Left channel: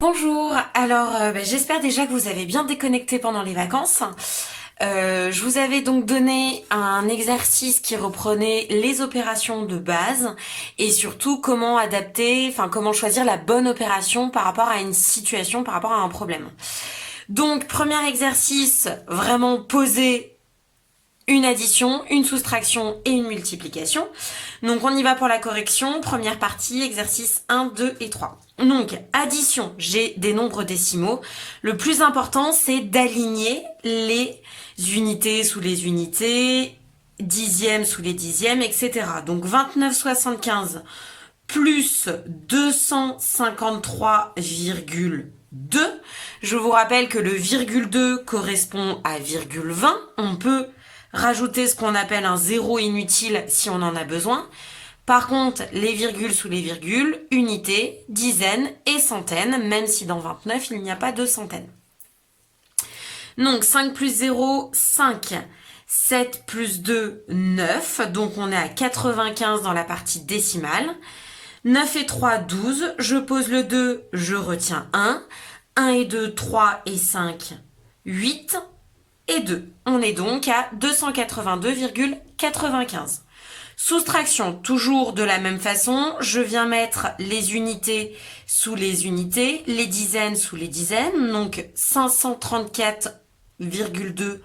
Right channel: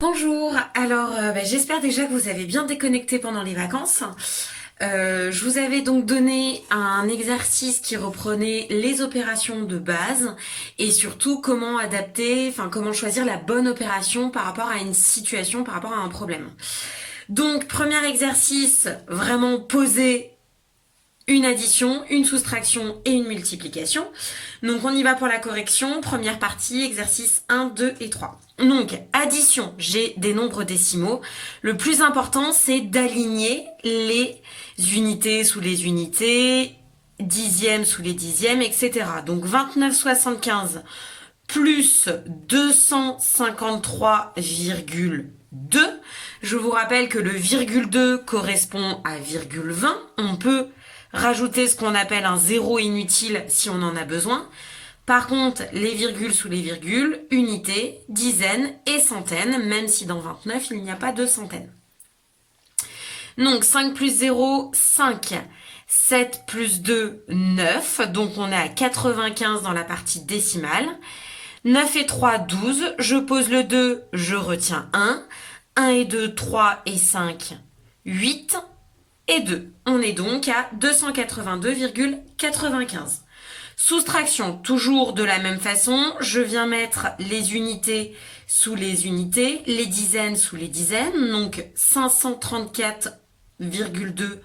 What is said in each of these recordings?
Bonjour, alors j'espère déjà que vous avez bien déconnecté pendant les vacances. Je vous avais donc donné un exercice qui reprenait les opérations de base et surtout comment adapter, comment choisir la bonne opération par rapport à une situation, par rapport à un problème. Donc premier exercice, vraiment poser une addition, une soustraction et une multiplication. Donc on y va pour la correction. Première partie, exercice 1, 2 et 3. Donc addition, j'ai des nombres décimaux. Le plus important, c'est d'aligner les unités sous les unités, dixièmes sous les dixièmes, etc. Donc 29,75 plus 253,2. Je vous rappelle que le virgule 2 correspond à virgule 20. On peut rajouter ce qu'on appelle un zéro inutile si on en a besoin. Par contre, les virgules sous les virgules, unités, dizaines et centaines, même si dans 29, il n'y a pas de centaines. Donc 5 plus 0, 5. 7 plus 2, 9. Donc on est à 95 dans la partie décimale. 9 et 3, 12. Je pose le 2, je retiens 1. 1 et 2, 3 et 5, 8 et 2. On est donc à 282,95. Soustraction, toujours de la même façon, je viens mettre les unités sous les unités, les dizaines sous les dizaines, donc 534,2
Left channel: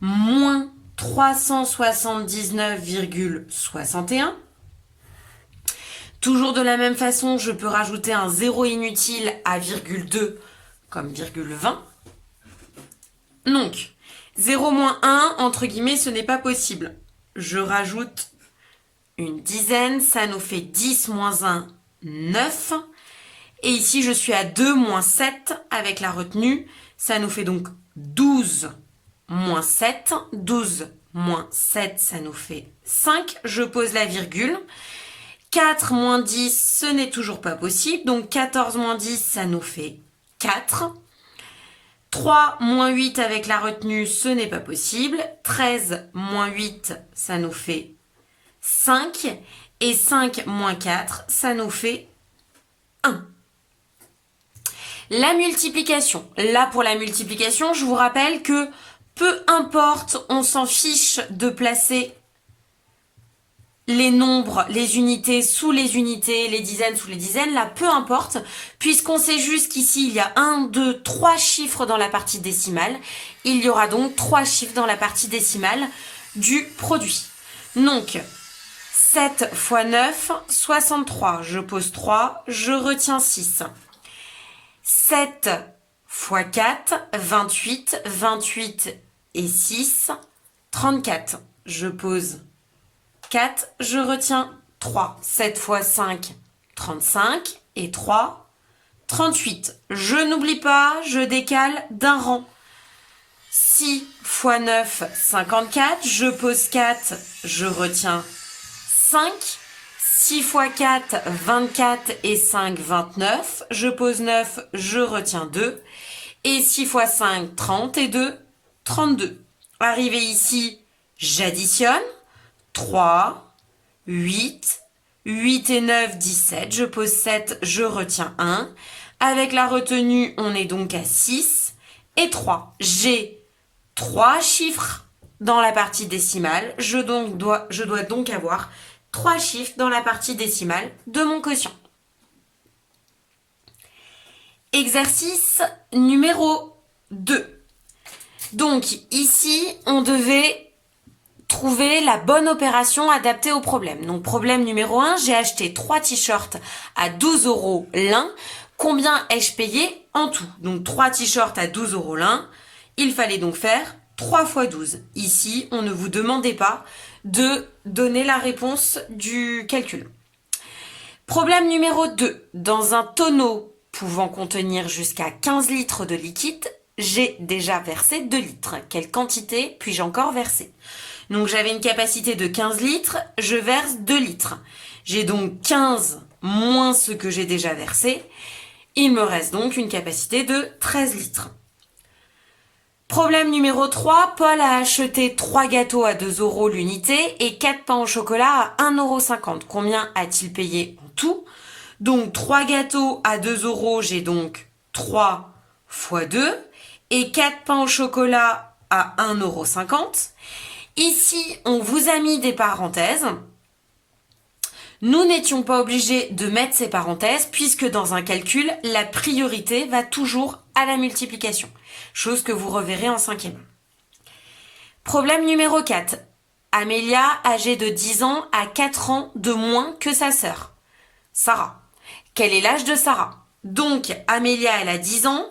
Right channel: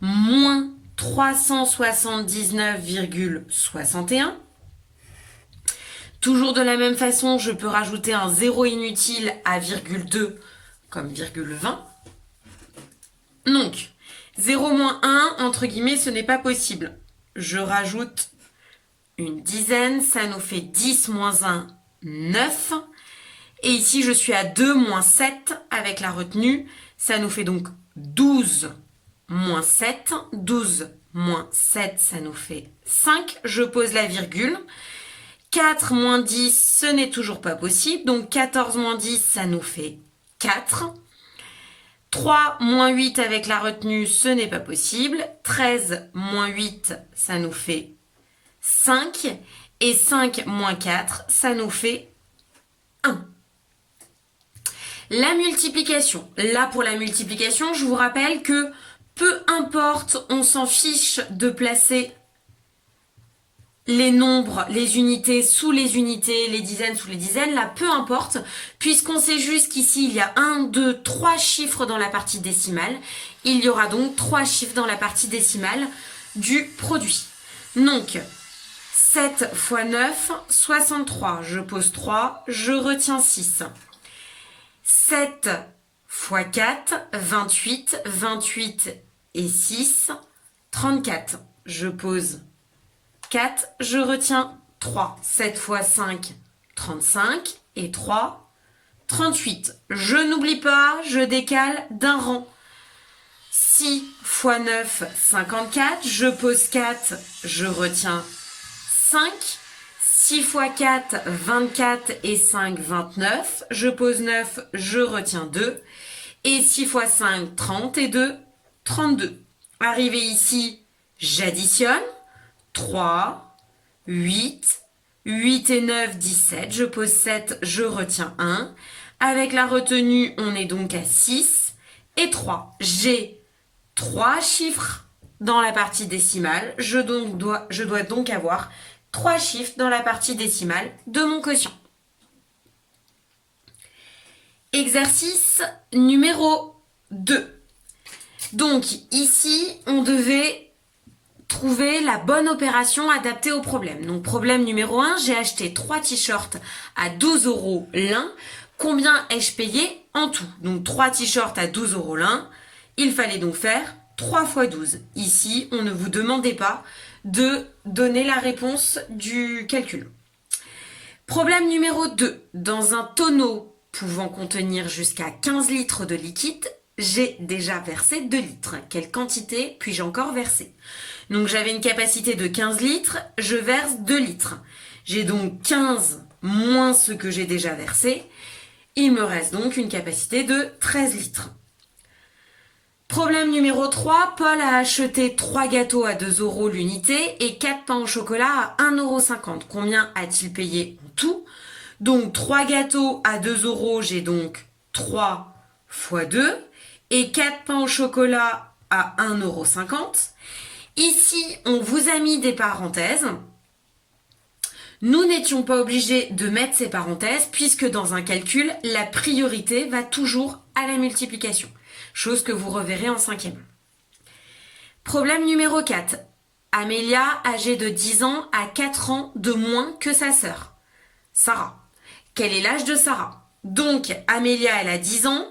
moins 379,61. Toujours de la même façon, je peux rajouter un zéro inutile à virgule 2 comme virgule 20. Donc, 0 moins 1, entre guillemets, ce n'est pas possible. Je rajoute une dizaine, ça nous fait 10 moins 1, 9. Et ici, je suis à 2 moins 7 avec la retenue. Ça nous fait donc 12 moins 7. 12 moins 7, ça nous fait 5. Je pose la virgule. 4 moins 10, ce n'est toujours pas possible. Donc 14 moins 10, ça nous fait 4. 3 moins 8 avec la retenue, ce n'est pas possible. 13 moins 8, ça nous fait 5. Et 5 moins 4, ça nous fait 1. La multiplication. Là, pour la multiplication, je vous rappelle que peu importe, on s'en fiche de placer les nombres, les unités sous les unités, les dizaines sous les dizaines, là, peu importe, puisqu'on sait juste qu'ici, il y a 1, 2, 3 chiffres dans la partie décimale. Il y aura donc 3 chiffres dans la partie décimale du produit. Donc, 7 fois 9, 63. Je pose 3, je retiens 6. 7 fois 4, 28. 28 et 6, 34. Je pose 4, je retiens 3. 7 fois 5, 35. Et 3, 38. Je n'oublie pas, je décale d'un rang. 6 fois 9, 54. Je pose 4, je retiens 5. 6 fois 4, 24 et 5, 29. Je pose 9, je retiens 2. Et 6 fois 5, 30 et 2, 32. Arrivé ici, j'additionne. 3, 8, 8 et 9, 17. Je pose 7, je retiens 1. Avec la retenue, on est donc à 6 et 3. J'ai 3 chiffres dans la partie décimale. Je dois donc avoir 3 chiffres dans la partie décimale de mon quotient. Exercice numéro 2. Donc ici, on devait trouver la bonne opération adaptée au problème. Donc problème numéro 1, j'ai acheté 3 t-shirts à 12 € l'un. Combien ai-je payé en tout? Donc 3 t-shirts à 12 € l'un. Il fallait donc faire 3 fois 12. Ici, on ne vous demandait pas de donner la réponse du calcul. Problème numéro 2. Dans un tonneau pouvant contenir jusqu'à 15 litres de liquide, j'ai déjà versé 2 litres. Quelle quantité puis-je encore verser? Donc j'avais une capacité de 15 litres, je verse 2 litres. J'ai donc 15 moins ce que j'ai déjà versé. Il me reste donc une capacité de 13 litres. Problème numéro 3, Paul a acheté 3 gâteaux à 2 € l'unité et 4 pains au chocolat à 1,50 €. Combien a-t-il payé en tout? Donc 3 gâteaux à 2 €, j'ai donc 3 fois 2 et 4 pains au chocolat à 1,50 €. Ici, on vous a mis des parenthèses. Nous n'étions pas obligés de mettre ces parenthèses puisque dans un calcul, la priorité va toujours à la multiplication, chose que vous reverrez en 5e. Problème numéro 4. Amélia, âgée de 10 ans, a 4 ans de moins que sa sœur, Sarah. Quel est l'âge de Sarah? Donc, Amélia, elle a 10 ans,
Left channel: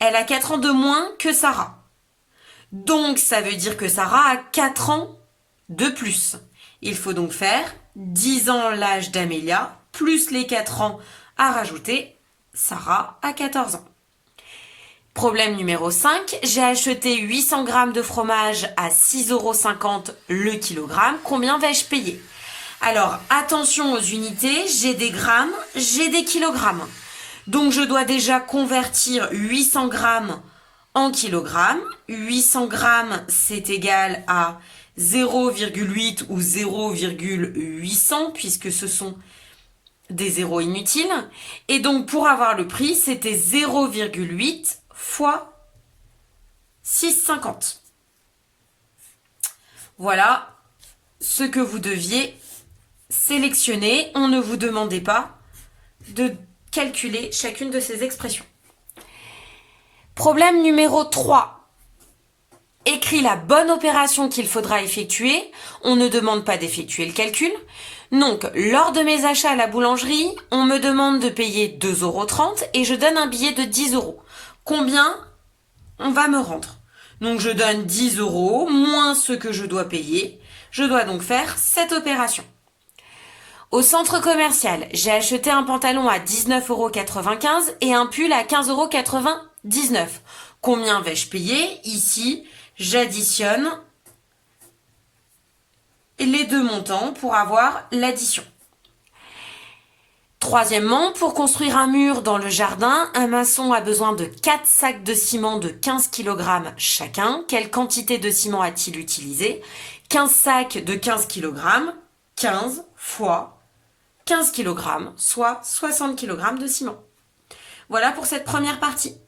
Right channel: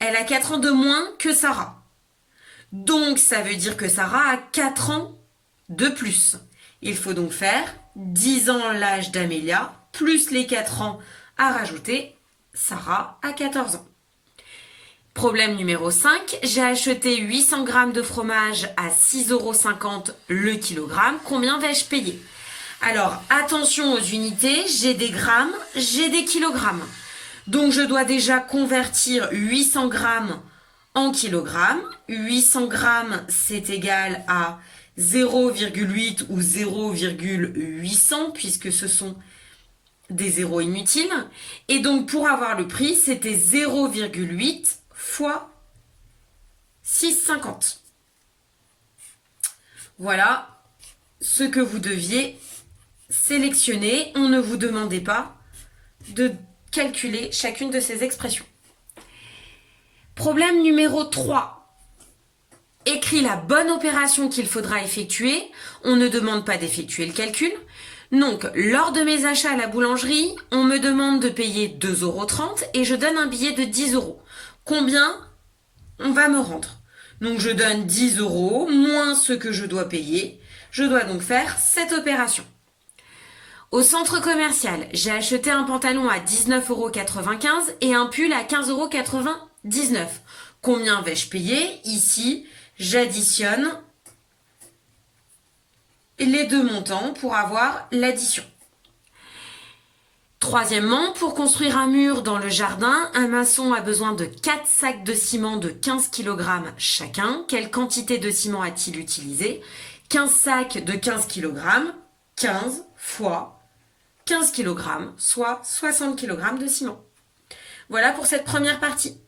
elle a 4 ans de moins que Sarah. Donc, ça veut dire que Sarah a 4 ans de plus. Il faut donc faire 10 ans l'âge d'Amélia, plus les 4 ans à rajouter. Sarah a 14 ans. Problème numéro 5. J'ai acheté 800 g de fromage à 6,50 € le kilogramme. Combien vais-je payer? Alors, attention aux unités. J'ai des grammes, j'ai des kilogrammes. Donc, je dois déjà convertir 800 g en kilogrammes. 800 g, c'est égal à 0,8 ou 0,800 puisque ce sont des zéros inutiles. Et donc, pour avoir le prix, c'était 0,8 fois 6,50. Voilà ce que vous deviez sélectionner. On ne vous demandait pas de calculer chacune de ces expressions. Problème numéro 3. Écris la bonne opération qu'il faudra effectuer. On ne demande pas d'effectuer le calcul. Donc, lors de mes achats à la boulangerie, on me demande de payer 2,30 € et je donne un billet de 10 €. Combien on va me rendre? Donc, je donne 10 € moins ce que je dois payer. Je dois donc faire cette opération. Au centre commercial, j'ai acheté un pantalon à 19,95 € et un pull à 15,99 €. Combien vais-je payer? Ici, j'additionne les deux montants pour avoir l'addition. Troisièmement, pour construire un mur dans le jardin, un maçon a besoin de 4 sacs de ciment de 15 kg chacun. Quelle quantité de ciment a-t-il utilisé? 15 sacs de 15 kg, 15 fois 15 kg, soit 60 kg de ciment. Voilà pour cette première partie.